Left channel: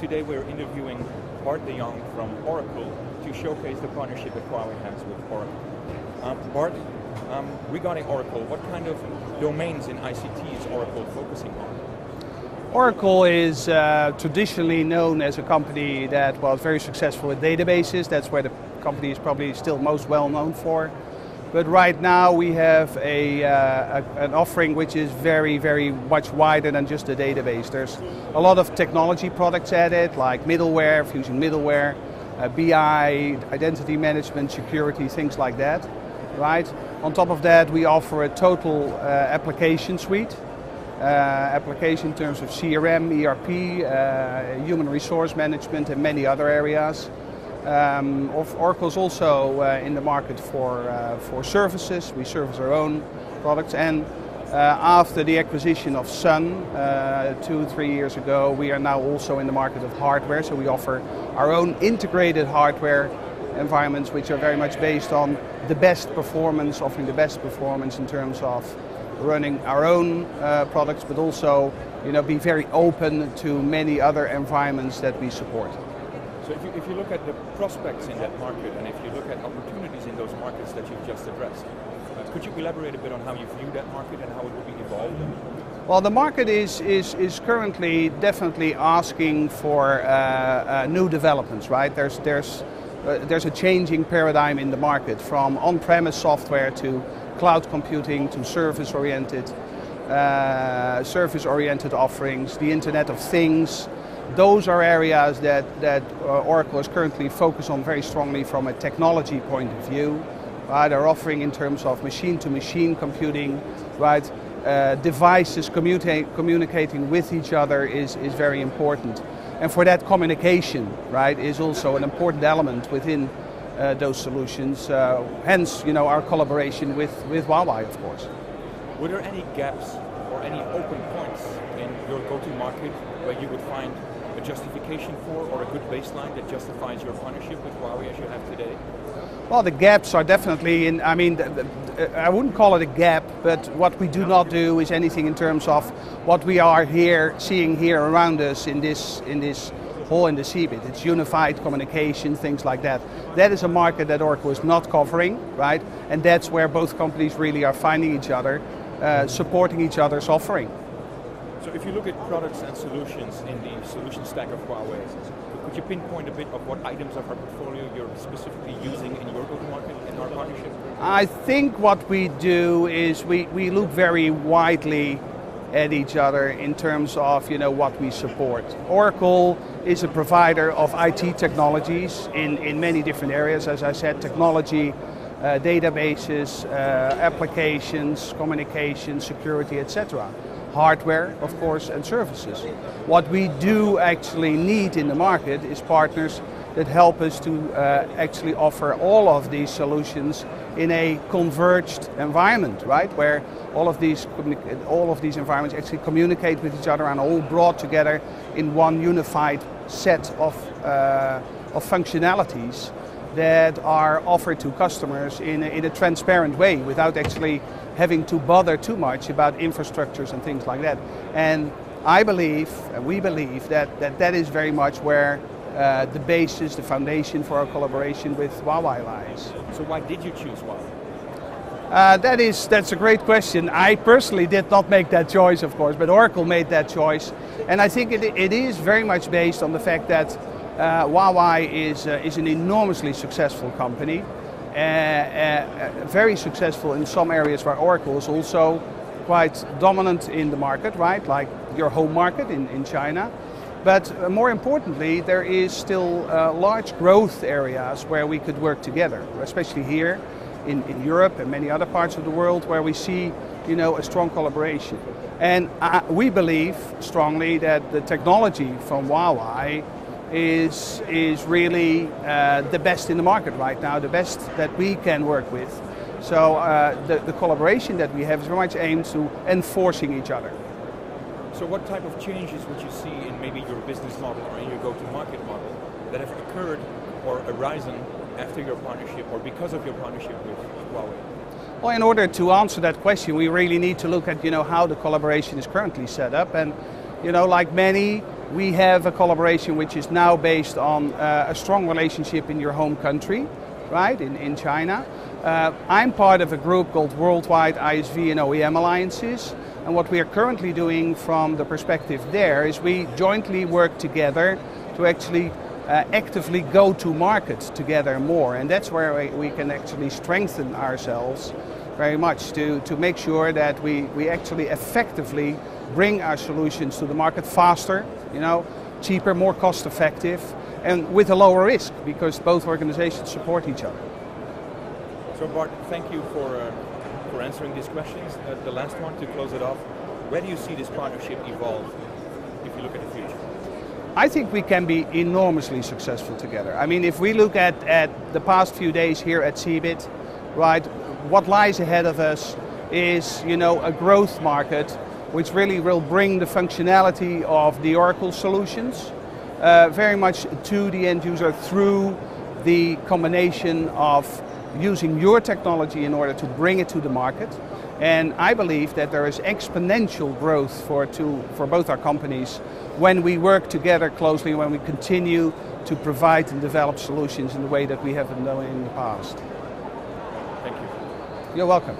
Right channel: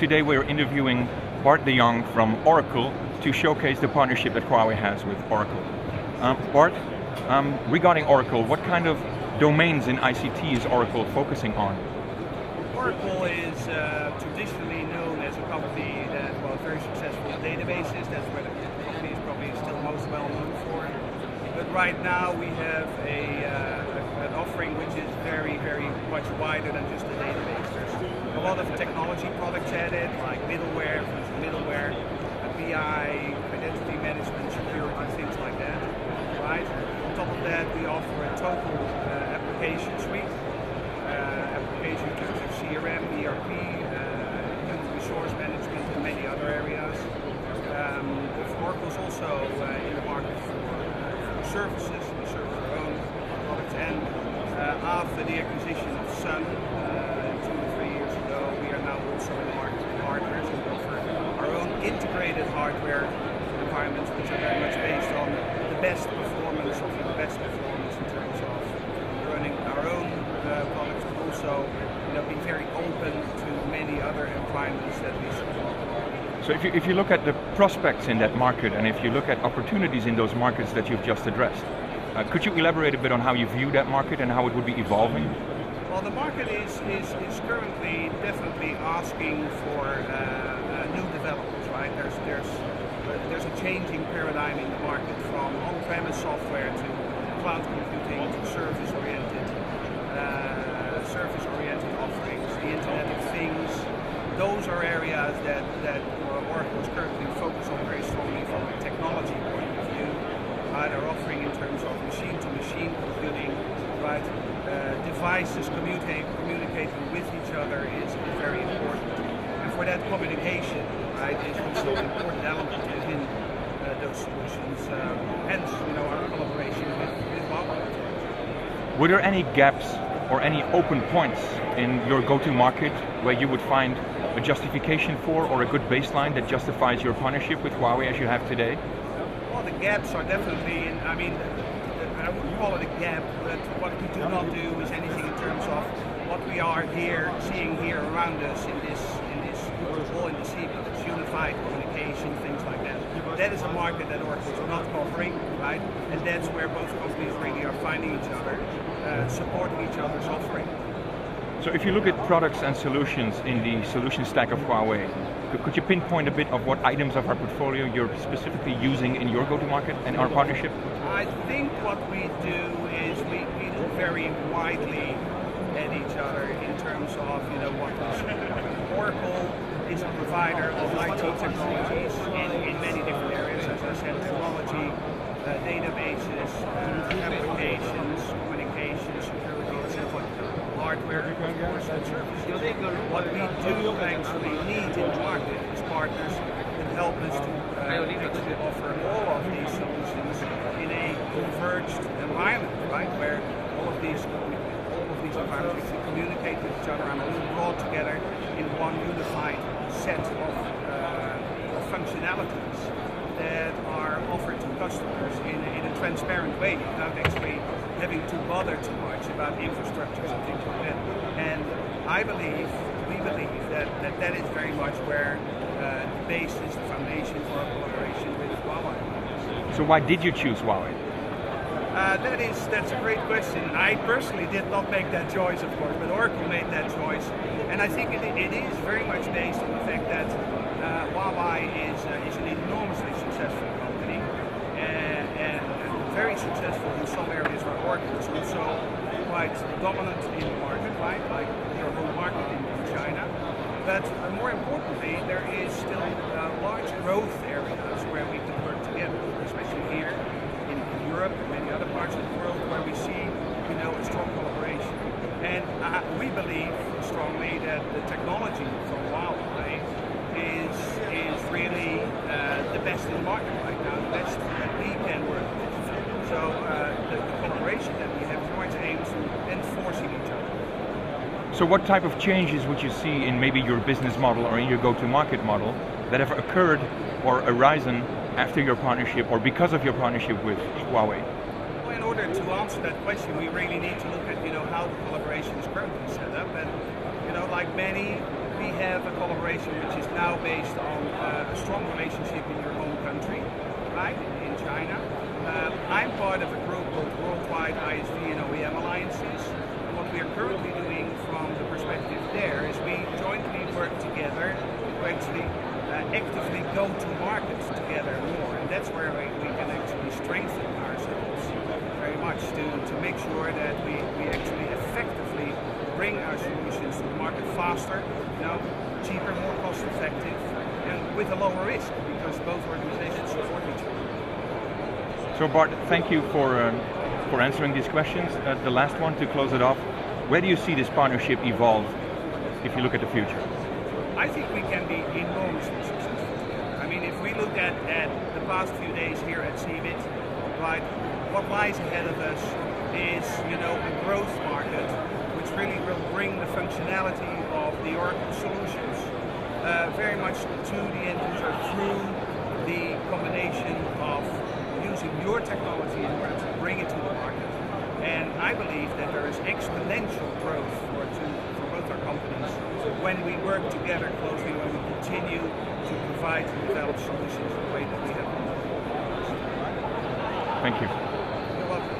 today we're interviewing Bart Jong from Oracle to showcase the partnership that Huawei has with Oracle. Bart, regarding Oracle, what kind of domains in ICT is Oracle focusing on? Oracle is traditionally known as a company that was very successful at databases. That's where the company is probably still most well known for. But right now we have an offering which is very, very much wider than just a database. There's a lot of technology products added, like middleware, fusion middleware, BI, identity management, security, things like that. Right? On top of that, we offer a total application suite. Application in terms of CRM, ERP, human resource management, and many other areas. Oracle is also in the market for services. We service our own products, and after the acquisition of Sun 2-3 years ago, we are now also in the market of hardware. So we offer our own integrated hardware environments, which are very much based on the best performance, offering the best performance in terms of running our own products, but also, being very open to many other environments that we support. So if you look at the prospects in that market, and if you look at opportunities in those markets that you've just addressed, could you elaborate a bit on how you view that market and how it would be evolving? Well, the market is currently definitely asking for new developments, right? There's a changing paradigm in the market, from on-premise software to cloud computing to service-oriented offerings, the Internet of Things. Those are areas that Oracle is currently focused on very strongly from a technology point of view. They're offering in terms of machine-to-machine computing, right? Devices communicating with each other is very important. And for that, communication, right, is also an important element within those solutions. Hence, our collaboration with Huawei, of course. Were there any gaps or any open points in your go-to-market where you would find a justification for, or a good baseline that justifies your partnership with Huawei as you have today? Well, the gaps are definitely in, I wouldn't call it a gap, but what we do not do is anything in terms of what we are seeing here around us in this hall in the CeBIT. It's unified communication, things like that. That is a market that Oracle is not covering, right? And that's where both companies really are finding each other, supporting each other's offering. So if you look at products and solutions in the solution stack of Huawei, could you pinpoint a bit of what items of our portfolio you're specifically using in your go-to-market and our partnership? I think what we do is we look very widely at each other in terms of what we support. Oracle is a provider of IT technologies in many different areas, as I said, technology, databases, applications, communication, security, etc. Hardware, of course, and services. What we do actually need in the market is partners that help us to actually offer all of these solutions in a converged environment, right? Where all of these environments actually communicate with each other and are all brought together in one unified set of functionalities that are offered to customers in a transparent way without actually having to bother too much about infrastructures and things like that. And we believe that is very much where the basis, the foundation for our collaboration with Huawei lies. So why did you choose Huawei? That's a great question. I personally did not make that choice, of course, but Oracle made that choice. And I think it is very much based on the fact that Huawei is an enormously successful company. Very successful in some areas where Oracle is also quite dominant in the market, right? Like your home market in China. But more importantly, there is still large growth areas where we could work together, especially here in Europe and many other parts of the world where we see a strong collaboration. And we believe strongly that the technology from Huawei is really the best in the market right now, the best that we can work with. So the collaboration that we have is very much aimed to enforcing each other. So what type of changes would you see in maybe your business model or in your go-to-market model that have occurred or arisen after your partnership or because of your partnership with Huawei? Well, in order to answer that question, we really need to look at how the collaboration is currently set up. And like many we have a collaboration which is now based on a strong relationship in your home country, right, in China. I'm part of a group called Worldwide ISV and OEM Alliances, and what we are currently doing from the perspective there is we jointly work together to actually actively go to market together more, and that's where we can actually strengthen ourselves very much to make sure that we actually effectively bring our solutions to the market faster, cheaper, more cost effective, and with a lower risk, because both organizations support each other. So Bart, thank you for answering these questions. The last one to close it off, where do you see this partnership evolve if you look at the future? I think we can be enormously successful together. I mean, if we look at the past few days here at CeBIT, right, what lies ahead of us is, a growth market which really will bring the functionality of the Oracle solutions very much to the end user through the combination of using your technology in order to bring it to the market. And I believe that there is exponential growth for both our companies when we work together closely, when we continue to provide and develop solutions in the way that we have been doing in the past. Thank you. You're welcome.